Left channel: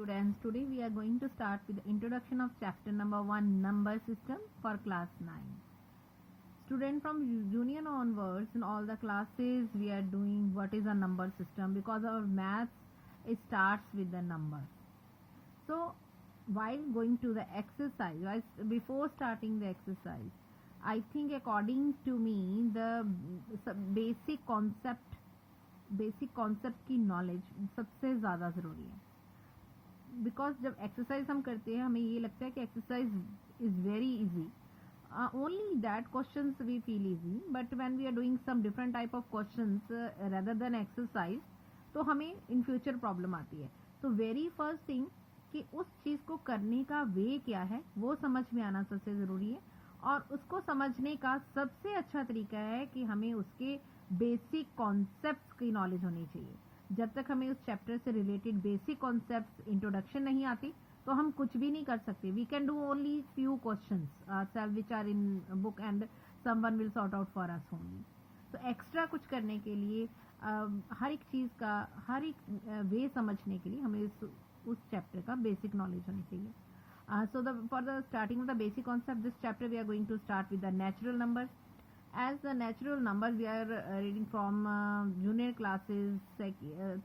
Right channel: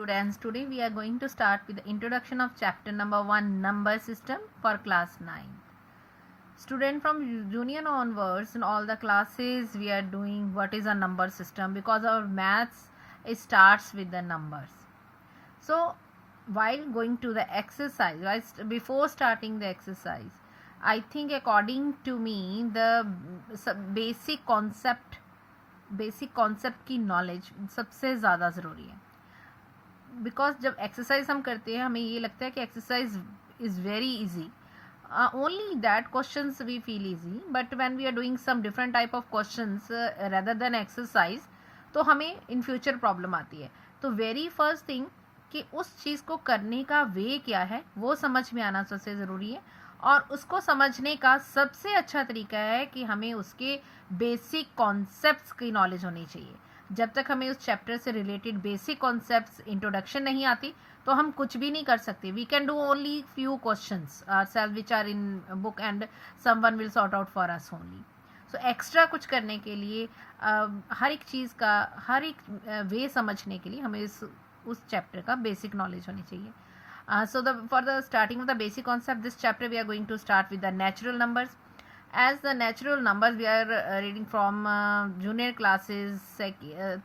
Students, today we are going to start with the introduction of chapter number 1, number system for class 9. Student, from junior onwards in all the classes we are doing what is a number system, because our maths it starts with the numbers. So while going to the exercise, before starting the exercise, I think according to me the basic concept की knowledge सबसे ज़्यादा ज़रूरी है. बिकॉज जब एक्सरसाइज हम करते हैं हमें ये लगता है कि exercise is very easy, only that questions we feel easy, but when we are doing some different type of questions rather than exercise तो हमें इन फ्यूचर प्रॉब्लम आती है. तो वेरी फर्स्ट थिंग कि उस चीज़ को करने का वे क्या है वो समझ में आना सबसे ज़रूरी है, और उसको समझने का सबसे अच्छा तरीका है कि हमें उसके बेसिक कॉन्सेप्ट्स की नॉलेज होनी चाहिए. जब तक हमें उस चैप्टर से रिलेटेड बेसिक कॉन्सेप्ट्स इंट्रोडक्शन नहीं आती तो हम कुछ भी नहीं कर सकते. We can do only few questions self which are in book and someone will sort out for us only. So extra कुछ करने के लिए हर एक चीज़ का हर एक वे समझने के लिए हमें उस चैप्टर का बेसिक नॉलेज होनी चाहिए. So for the starting of the basic concept, this chapter we are going to start with the natural numbers. As the natural numbers we are reading from junior classes,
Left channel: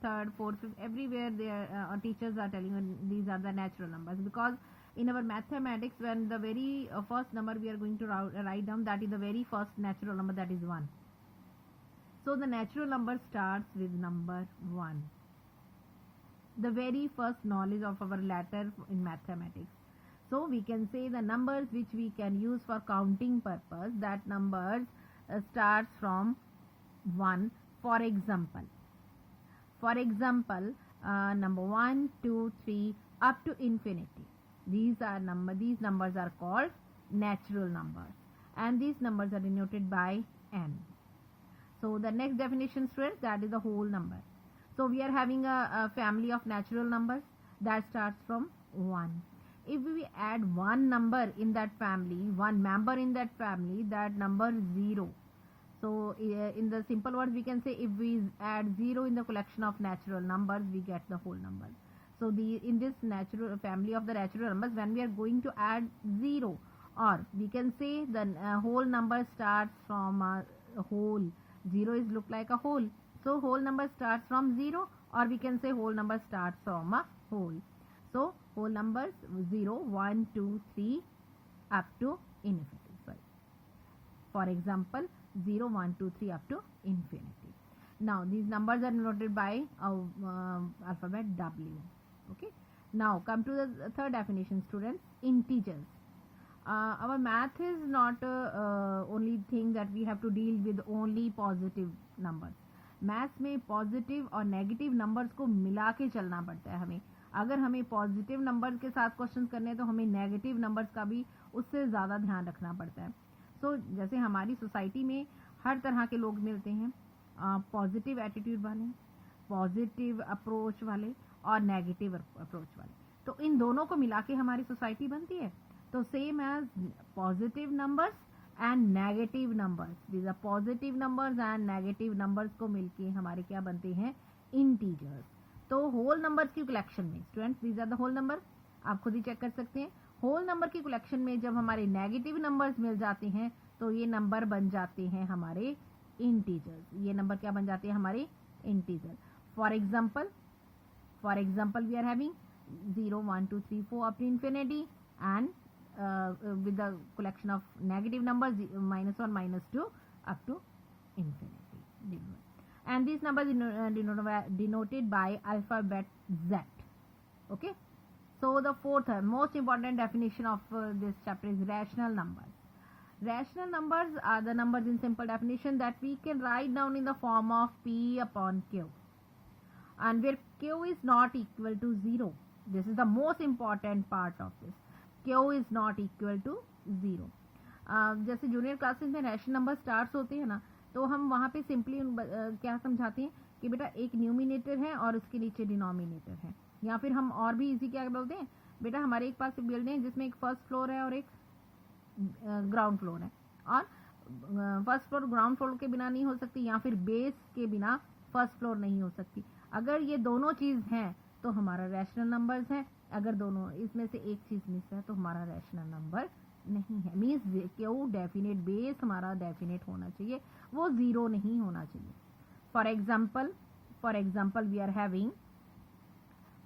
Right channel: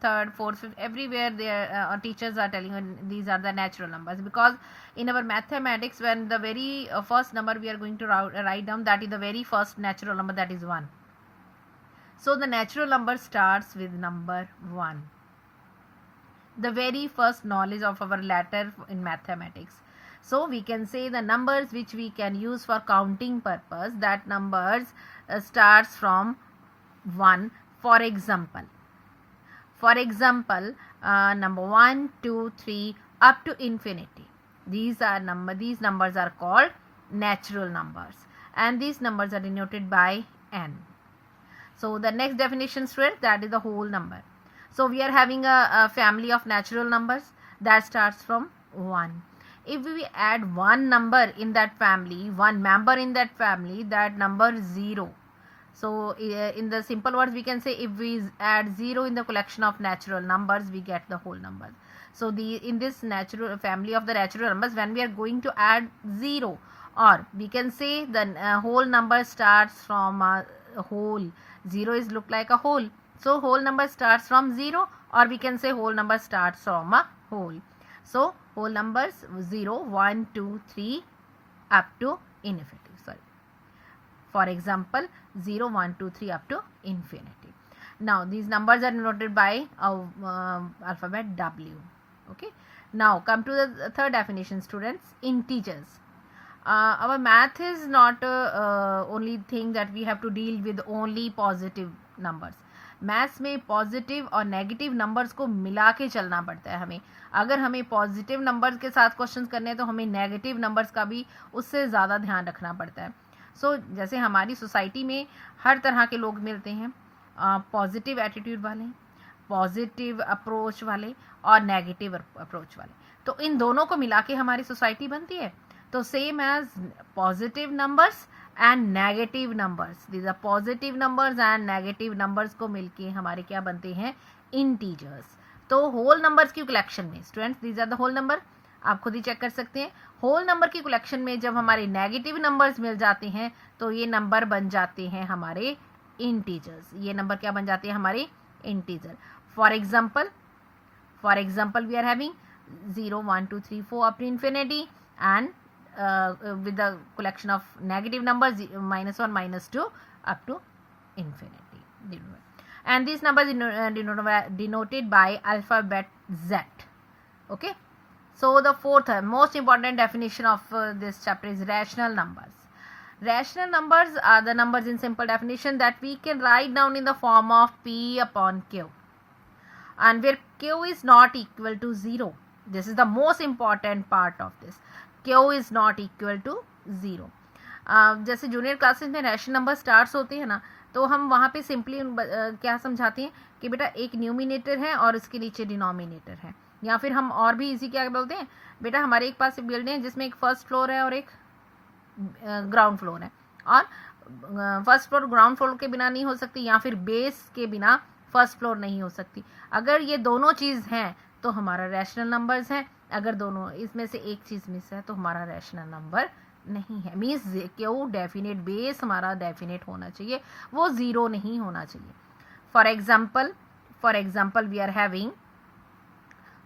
third, fourth, fifth, everywhere their teachers are telling these are the natural numbers, because in our mathematics when the very first number we are going to write down, that is the very first natural number, that is 1. So the natural number starts with number 1, the very first knowledge of our letter in mathematics. So we can say the numbers which we can use for counting purpose, that numbers starts from 1. For example, number 1, 2, 3 up to infinity. These numbers are called natural numbers, and these numbers are denoted by n. So the next definition, students, that is the whole number. So we are having a family of natural numbers that starts from 1. If we add one number in that family, one member in that family, that number is 0. So in the simple words we can say, if we add 0 in the collection of natural numbers, we get the whole number. So in this natural family of the natural numbers, when we are going to add 0, or we can say the whole number starts from a whole. 0 is look like a whole, so whole number starts from 0, or we can say whole number starts from a whole. So whole numbers 0, 1, 2, 3 up to infinity. For example, 0, 1, 2, 3 up to infinity. Now these numbers are denoted by alphabet W. Okay. Now come to the third definition, students. Integers. Our math is not only thing that we have to deal with only positive numbers. Maths में पॉजिटिव और negative numbers को मिला के चलना पड़ता है हमें. अगर हमें पॉजिटिव नंबर्स के साथ क्वेश्चंस करने हैं तो हमें नेगेटिव नंबर्स का भी उससे ज़्यादा ध्यान रखना पड़ता है. सो जैसे हमारी सोसाइटी में हर तरह के लोग मिलते हैं, पॉजिटिव एटीट्यूड वाले, पॉजिटिव अप्रोच वाले और नेगेटिव अप्रोच वाले. तो इन दोनों को मिला के हमारी सोसाइटी बनती है. तो same as positive numbers and negative numbers, these are positive numbers and negative numbers को मिलके हमारे क्या बनते हैं, इंटीजर्स. तो होल नंबर्स की कलेक्शन में, students, these are the whole number, आप खुद ही चेक कर सकते हैं. होल नंबर की कलेक्शन में जब हमारे नेगेटिव नंबर्स मिल जाते हैं तो ये नंबर बन जाते हैं हमारे इंटीजर्स. ये नंबर क्या बन जाते हैं, हमारे integer. For example we are having 0, 1, 2, 3, 4 up to infinity, and with the collection of negative numbers -1, -2 up to infinity, and these numbers denoted by alphabet Z. Okay. So the fourth most important definition of this chapter is rational numbers. Rational numbers are the numbers in simple definition that we can write down in the form of P upon Q, and where Q is not equal to 0. This is the most important part of this. Q is not equal to 0. जैसे junior classes में rational number starts होते हैं ना, तो हम वहाँ पे सिंपली क्या समझाते हैं कि बेटा एक न्यूमिनेटर है और इसके नीचे डिनोमिनेटर है. या फिर हम और भी इजी क्या बोलते हैं, बेटा हमारे एक पास बिल्डिंग है जिसमें एक फर्स्ट फ्लोर है और एक ग्राउंड फ्लोर है, और फर्स्ट फ्लोर ग्राउंड फ्लोर के बिना नहीं हो सकती, या फिर बेस के बिना फर्स्ट फ्लोर नहीं हो सकती. अगर ये दोनों चीज़ हैं तो हमारा रैशनल नंबर्स हैं। अगर दोनों इसमें से एक चीज़ मिस है तो हमारा रैशनल नंबर नहीं है। मीन्स क्यों डेफिनेट बेस हमारा डेफिनेट होना चाहिए, वो ज़ीरो नहीं होना चाहिए। For example we are having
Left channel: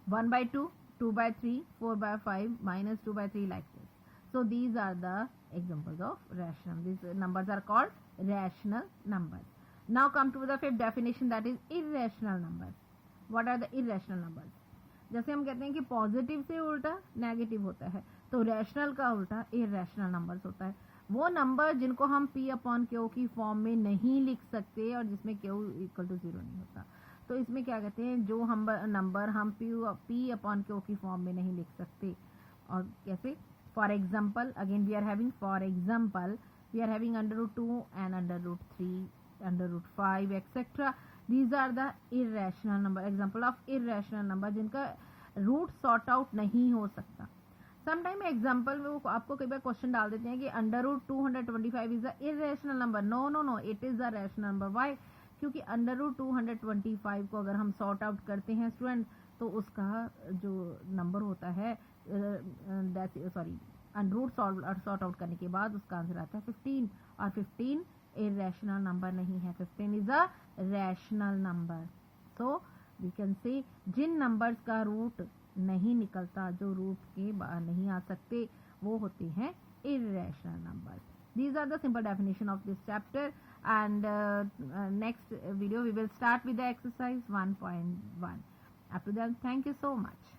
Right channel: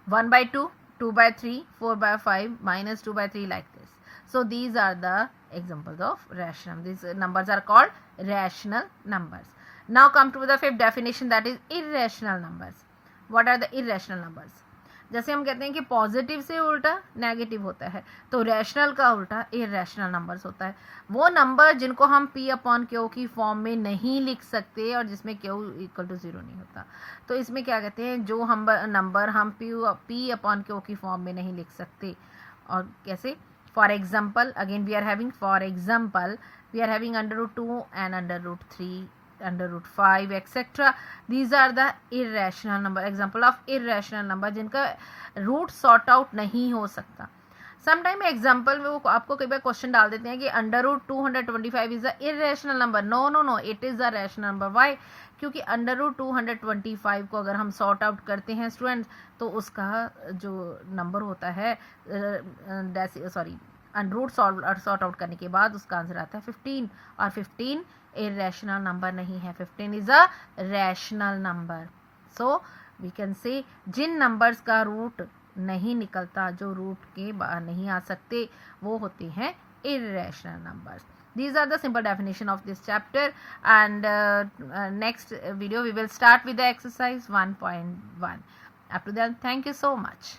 1/2, 2/3, 4/5, -2/3 like this. So these are the examples of rational. These numbers are called rational numbers. Now come to the fifth definition, that is irrational numbers. What are the irrational numbers? जैसे हम कहते हैं कि पॉजिटिव से उल्टा नेगेटिव होता है, तो रैशनल का उल्टा इरेशनल नंबर्स होता है। वो नंबर जिनको हम P/Q की फॉर्म में नहीं लिख सकते और जिसमें Q इक्वल टू 0 नहीं होता, तो इसमें क्या कहते हैं, जो हम नंबर हम P/Q की फॉर्म में नहीं लिख सकते। और कैसे? For example, again we are having √2 and √3, √5, etc. These are the irrational number, example of irrational number जिनका रूट सॉर्ट आउट नहीं हो सकता। समटाइम एग्जाम्पल में वो आपको कई बार क्वेश्चन डाल देते हैं कि √225 is a irrational number. No, it is a rational number. Why? क्योंकि √225 को अगर हम सॉर्ट आउट करते हैं स्टूडेंट्स, तो उसका जो नंबर होता है रूट सॉर्ट आउट करने के बाद उसका आंसर आता है 15, और 15 irrational नंबर नहीं है, 15 is a rational number. So we can say जिन नंबर्स का रूट नहीं निकलता, जो रूट के बाहर नहीं आ सकते, वो होते हैं irrational numbers. These are the simple definition of this chapter, and next video we will start with the exercise 1.1. Up to then, thank you so much.